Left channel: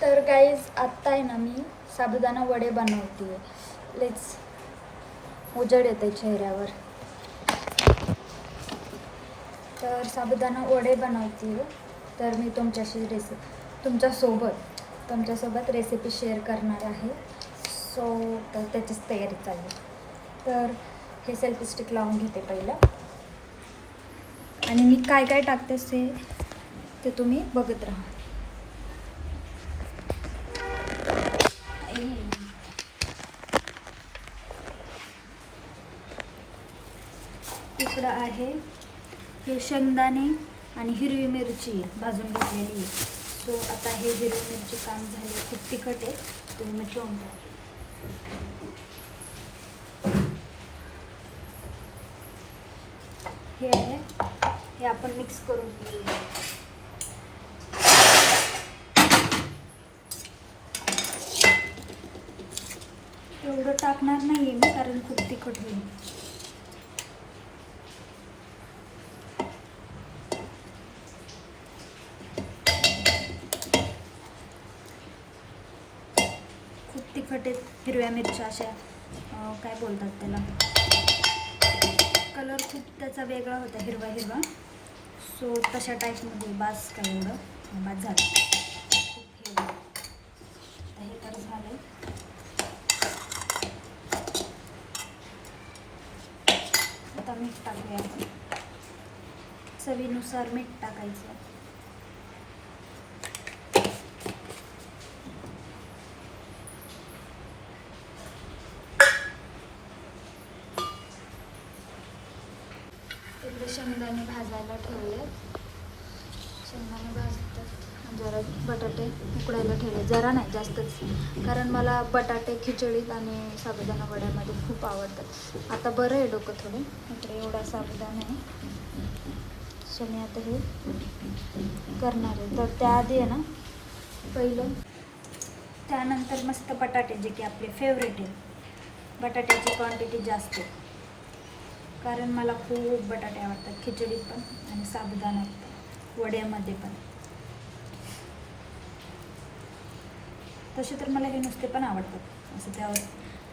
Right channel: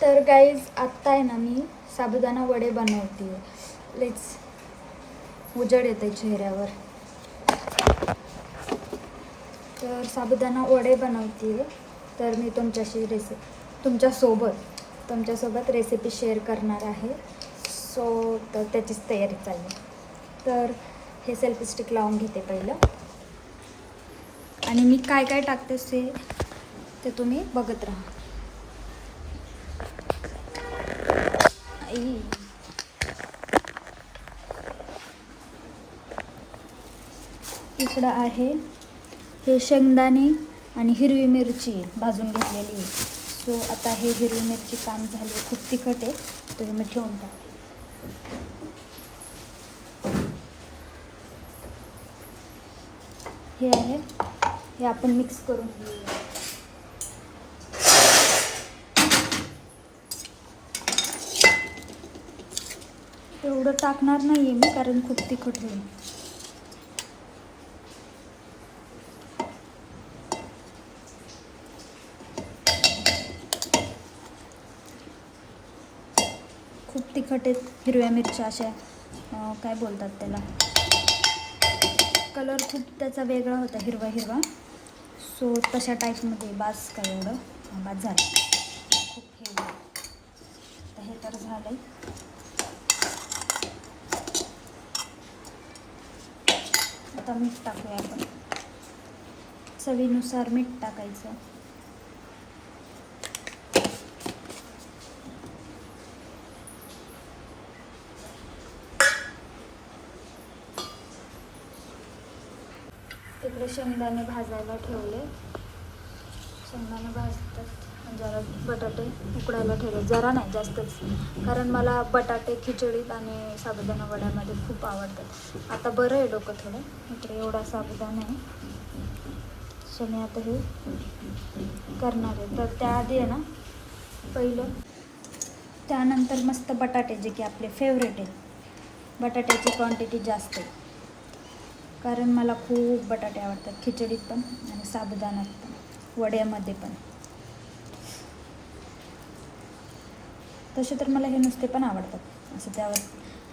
तर गाईज आत्ता आहे ना मी साबुदाणा वडे बनवते. लेट्स उजड येते चेहऱ्यावर. तर साबुदाणा वडे बनवते. तर मी तुमच्यासोबत रेसिपी शेअर करणार आहे. तर त्याचीच तयारी चालू आहे. तर हे सेल्फी स्टिक लावून घेते पहिलं आणि मी काय काय टाकते ते तुम्ही बघत राहा. इकडं आहे हे शेंगदाणे आणि हिरवी मिरची भाजून घेतलेली. सो आता हे हिरवी मिरची काम झाली. खूप तिखट आहे तर मी ठेवून टाकते. हे आहे, हे आपण मिक्स करून घेऊया. एवढं टाकणार नाही आहे मी कारण खूप तिखट होईल. खूप तिखट आहेत हिरव्या मिरच्या अशा काय बोलतात त्याला, कलर खूप त्याचा वेगळा होता हिरवा हिरवा. सो तशा टाईपमध्ये बास का एवढं बास झालं. खूप हे तर झालं. आता मीठ टाकूया आपण. चवीनुसार मीठ टाकायचं. तिकडे शेंगदाणे भाजायला ठेवले. शेंगदाणे भाजतात. जरा बटाटे उकडायला ठेवले. जरा नाही जास्तच, कारण मला बटाटे खिचडीत आणि साबुदाणा वड्यामध्ये खूप आवडतात. आता बरं आहे डोकं थोडं. इकडे एवढा साबुदाणा आहे. सो मी आता हे करणार आहे. तर त्याआधी आहे ना पहिलं, त्यानंतर मस्त बटाटे जे की आपले फेवरेट आहे. बटाट्याची क्वांटिटी जास्त आहे कारण मला खूप बटाटे आवडतात खिचडीत पण आणि साबुदाण्यात पण, वड्यामध्ये पण. तसे तर मला हे नुसते पण आवडतात. असं त्यावर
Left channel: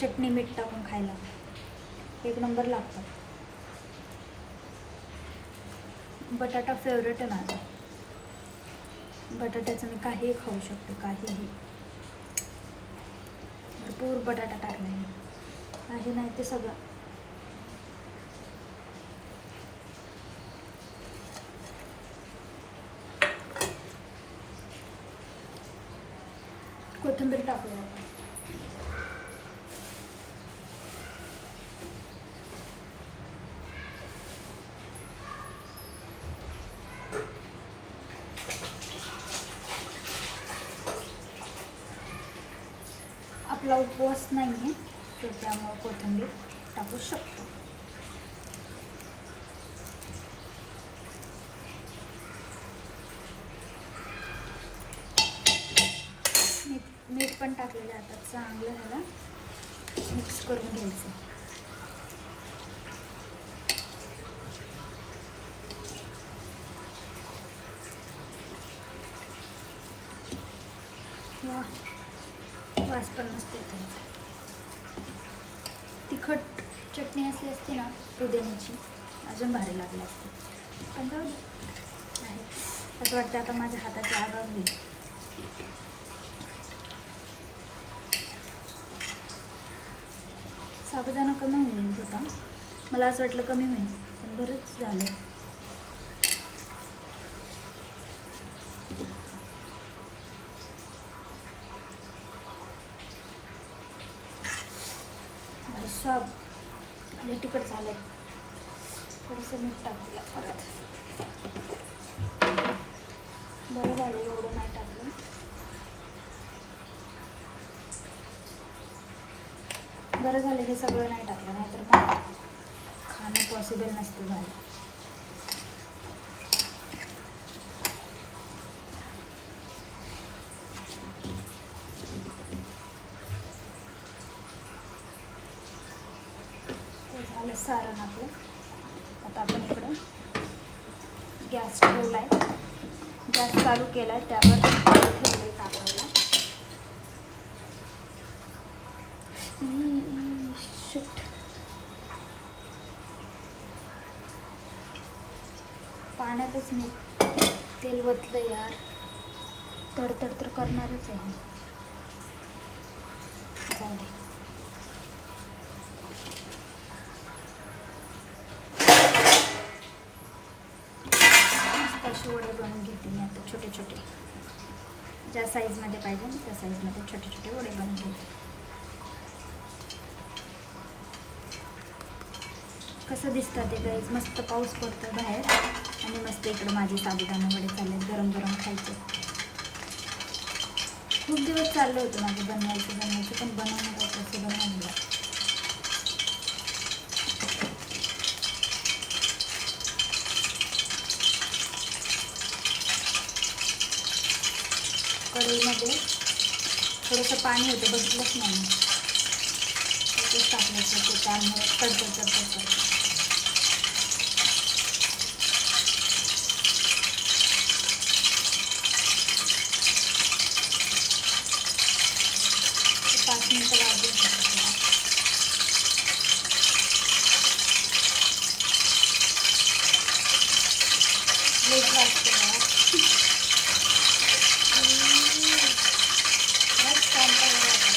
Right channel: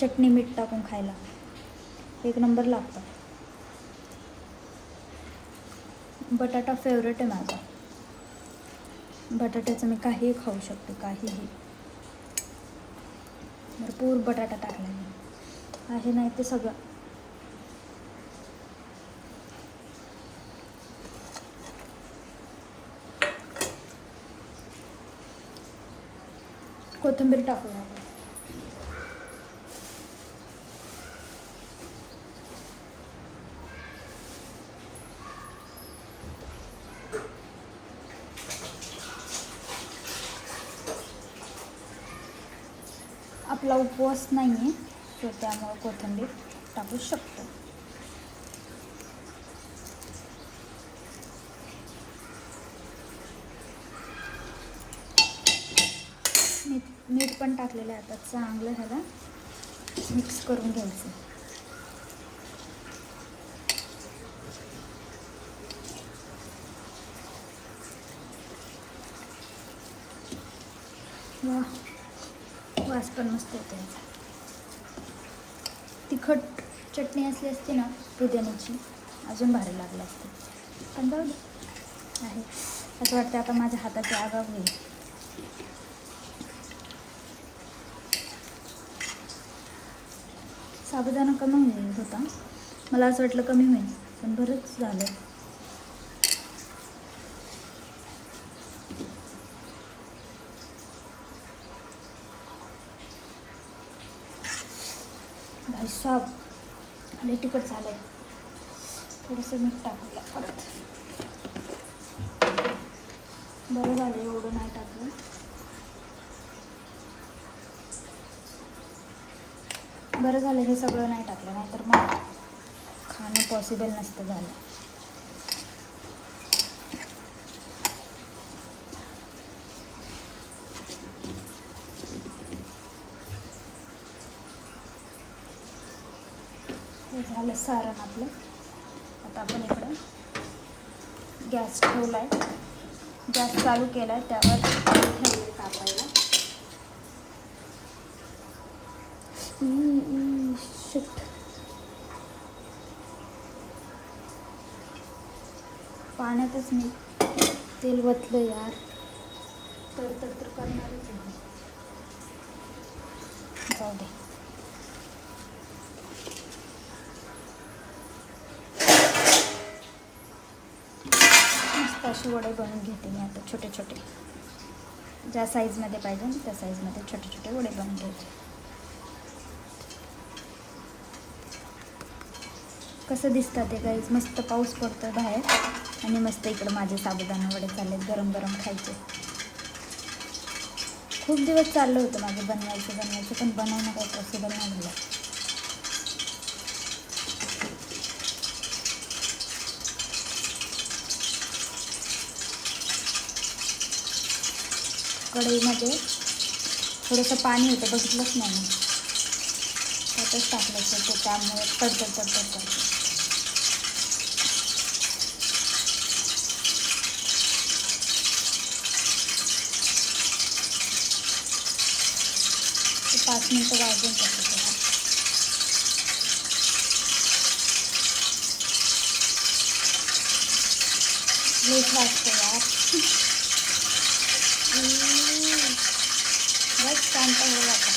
चटणी मीठ टाकून खायला एक नंबर लागतात. बटाटा फेवरेट आहे माझा. बटाट्याचं मी काहीही खाऊ शकते, काहीही. भरपूर बटाटा टाकला आहे नाही ते सगळं. कोथिंबीर टाकूया. आपला उपवास नाही आहे तर त्यामुळे कोथिंबीर टाकू शकतो. मीठ पण टाकलेलं आहे. आता चांगलं ह्याला मिक्स करून घ्यायचं. वास पण मस्त येते. तिखट चटणी असली असते ना पुदिन्याची, अजून भारी लागली असते. पण जाऊ दे आहे. असं वाटतं आता माझ्या हाताची आगाव होईल. साबुदाणा कमी होईल होता. मला असं वाटलं कमी होईल पण बरंच झालं. सब आणि तिखट झालं. थोडंसं मीठ टाकलं परत. बरं झालं एवढं नाही टाकलं. बरं झालं हे सगळं नाही टाकलं, नाहीतर मग खाणं पॉसिबल नसतं झालं. झालं सारण आपलं. आता आपण इकडं गॅस ठेवला आहे. गॅस चालू केला आहे, त्यावर ठेवले तापायला. जास्तच मी तेल वतलं यार, तर करणारच आहे. जाऊ दे. मस्त असे वडे बनवून घेते मी आता, छोटे छोटे, ज्या साईजमध्ये पाहिजे त्या साईजमध्ये छोटे छोटे वडे बनवून घेते. कसं दिसतं ते गाईज, मस्त पाऊस पडतो बाहेर आणि मस्त इकडं माझे साबुदाणे वडे चाललेत गरम गरम खायचे. खूप दिवस चाललं होतं माझं बनवायचं पण बनवणं काही पॉसिबल नाही झालं. कढईमध्ये थोडंसं पाणी होतं, बघितलंच नाही मी, त्यातच टाकलं ते, त्यामुळे तडतड करते. ते 5 मिनटं वाजत होतं त्याला. हेच वाजतं यार. बस शांत हो आता.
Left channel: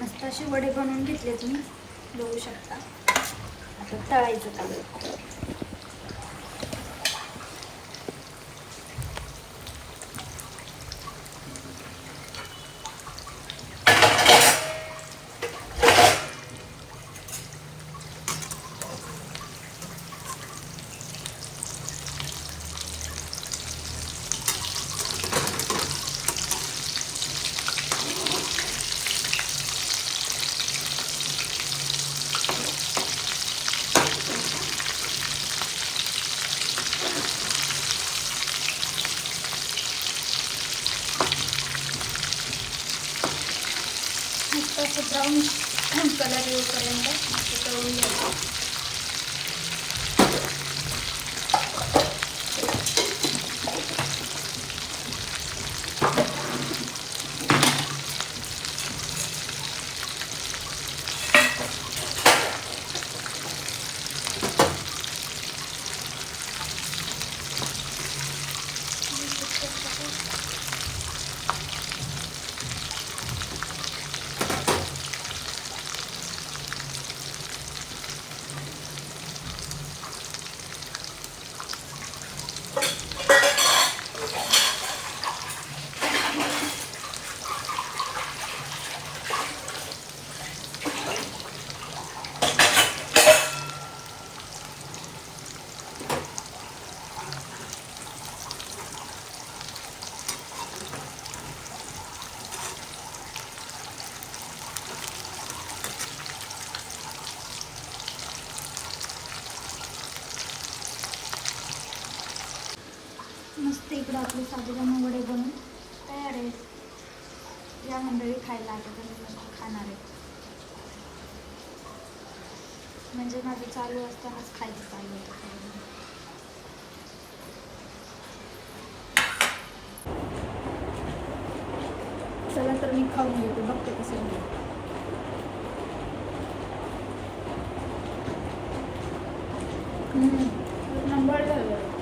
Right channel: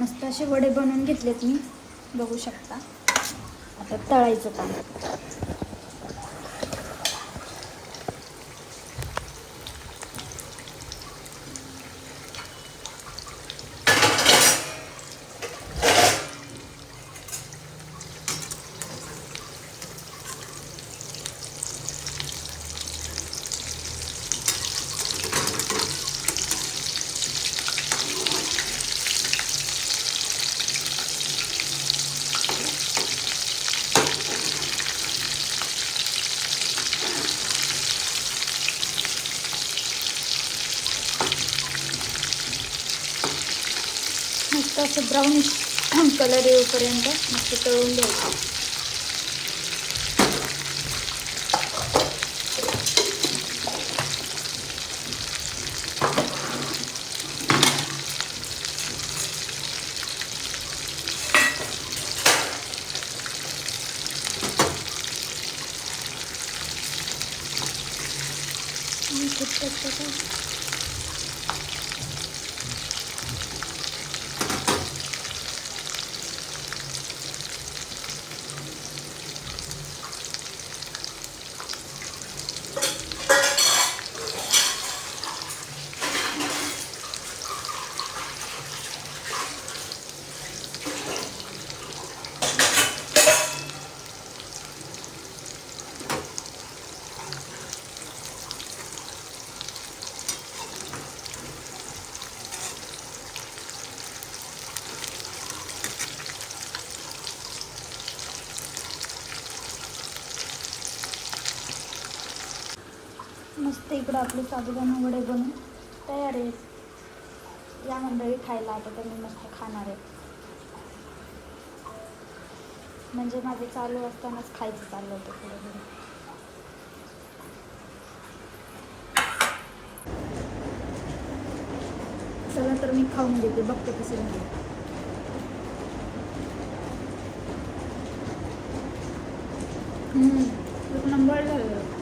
मस्त असे वडे बनवून घेतलेत मी, बघू शकता. आता तळायचं काम. मस्त असं ब्राऊन कलर येईपर्यंत मस्त तळून घ्यायचं. मस्त इकडं आपले साबुदाणा वडे बनून तयार आहेत. या मंडळी खायला आता तर मी मस्त खाणार आहे. म्हणजे माझं चालू असतानाच खायचं चाललं होतं थोडं. चला तर मी खाऊन घेते, बघते कसे झाले. एक नंबर झालं.